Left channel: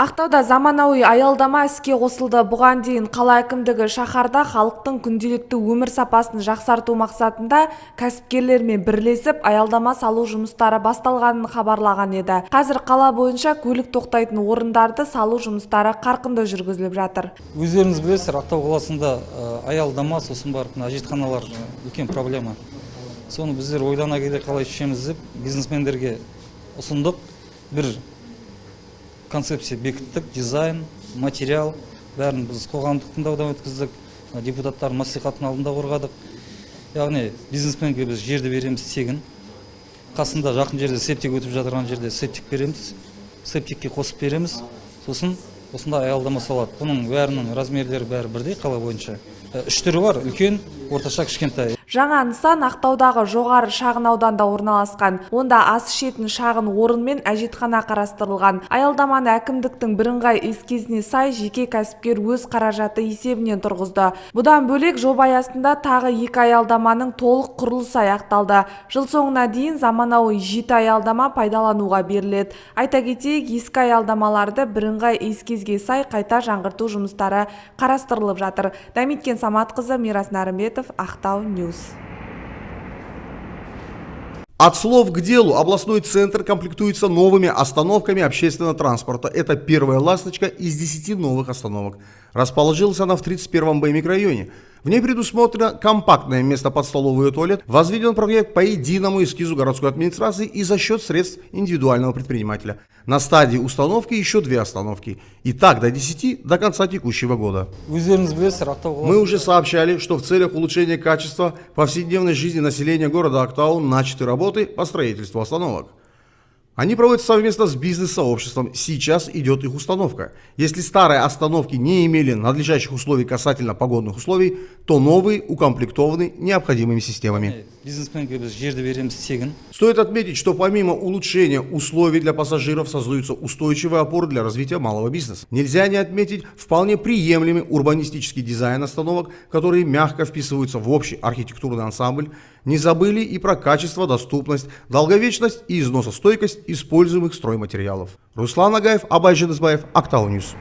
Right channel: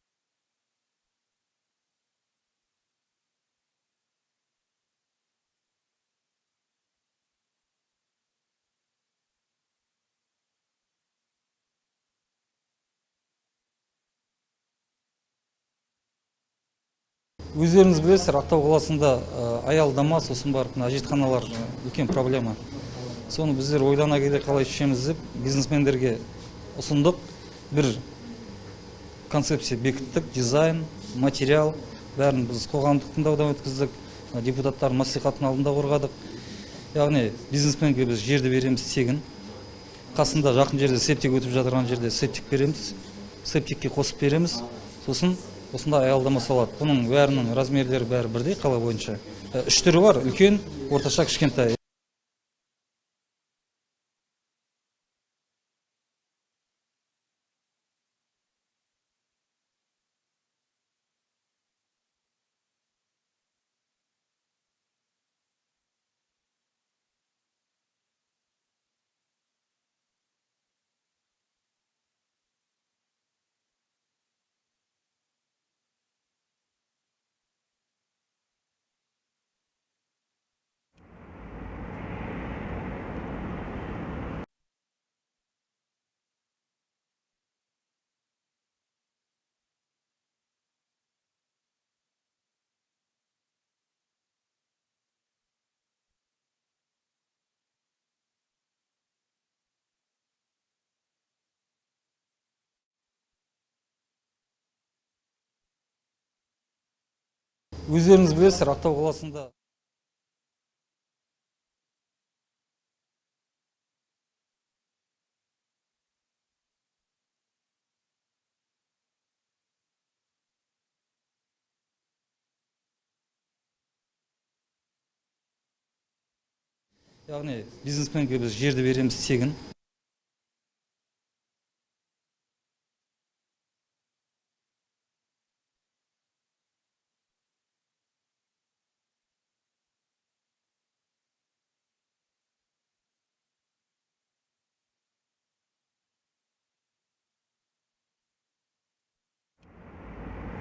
Ақтауда заманауи аялдама іске қосылды. Бұған дейін қала әкімдігі шаһарда халықтың күнделікті өмір сапасын жақсарту мақсатында кәсіпкерлермен бірлесіп аялдама салу жұмыстары басталғанын хабарлаған еді. Қазір қала бойынша көлік тоқтайтын орындарды салу жұмыстары қарқынды жүргізіліп жатыр. Өздеріңіз білесіздер, Ақтау қаласында аялдама, сосын барып әжетханалар үлкен проблема. Соны біздер ойлана келе қалай шешеміз деп бизнесмендерге ұсындық. Бір концепция бекіттік, дизайн, материал, бәрін біз қоғамдық тыңдаудан өткіздік, депутаттар мәслихаттың алдында қорғадық. Яғни бизнесменге біз жерді береміз тегін. Қасында жақын жерде септик өтіп жатырған жерде септик береміз, септикке қосып береміз. Сосын осында аялдама салады. Бұның бәрінің размерлері бәрі бірдей қала бойынша. Үш түрі бар, үлкен, орташа, кішкентай. Жаңа нысан Ақтаудағы жоғары шағын ауданда орналасқан. Онда ас ішетін шағын орын мен әжетхана қарастырылған. Аялдаманы әкімдіктің бірыңғай эскизіне сай жеке кәсіпкер өз қаражаты есебінен тұрғызды. Бұдан бөлек жоба аясында тағы 2 аялдаманың толық құрылысы аяқталды. Жыл соңына дейін заманауи 7 аялдама пайдалануға беріледі. Айта кетейік, ескі аялдамаларды бірыңғай эскизге сай қайта жаңғырту жұмыстары қарастырылып жатыр. Дәметкен Саматқызы, Мирас Нарымбетов, Ақтау Ньюс. От слов к делу. Областной центр комплектуется новыми остановками общественного транспорта. Это первая ласточка из 10 новых остановок. Расположилась она в 31-м Б микрорайоне. В ней предусмотрено компактное место под столовую и туалет. Возведен проект по единому эскизу городской администрации и за счет средств индивидуального предпринимателя. На стадии установки еще 2 остановки. И так до 10 до конца текущего года. Мы уже сообщали, что в целях улучшения качества повседневной жизни населения города Актау начаты работы по строительству остановок. Они проводятся совместно с бизнес-сообществом. Сейчас идет их установка. Если старые остановки не имели надлежащих условий касательно погодных условий, то новые укомплектованы необходимыми системами. Стоит отметить, что помимо улучшения условий для пассажиров создаются устойчивые опоры для развития малого бизнеса. Нельзя не отметить вполне приемлемый урбанистический дизайн остановок, которые мягко вписываются в общий архитектурный ансамбль. Не забыли и про качество, доступность, долговечность и износостойкость используемых стройматериалов. Руслан Агаев, Абай Женесбаев, Актау Ньюс.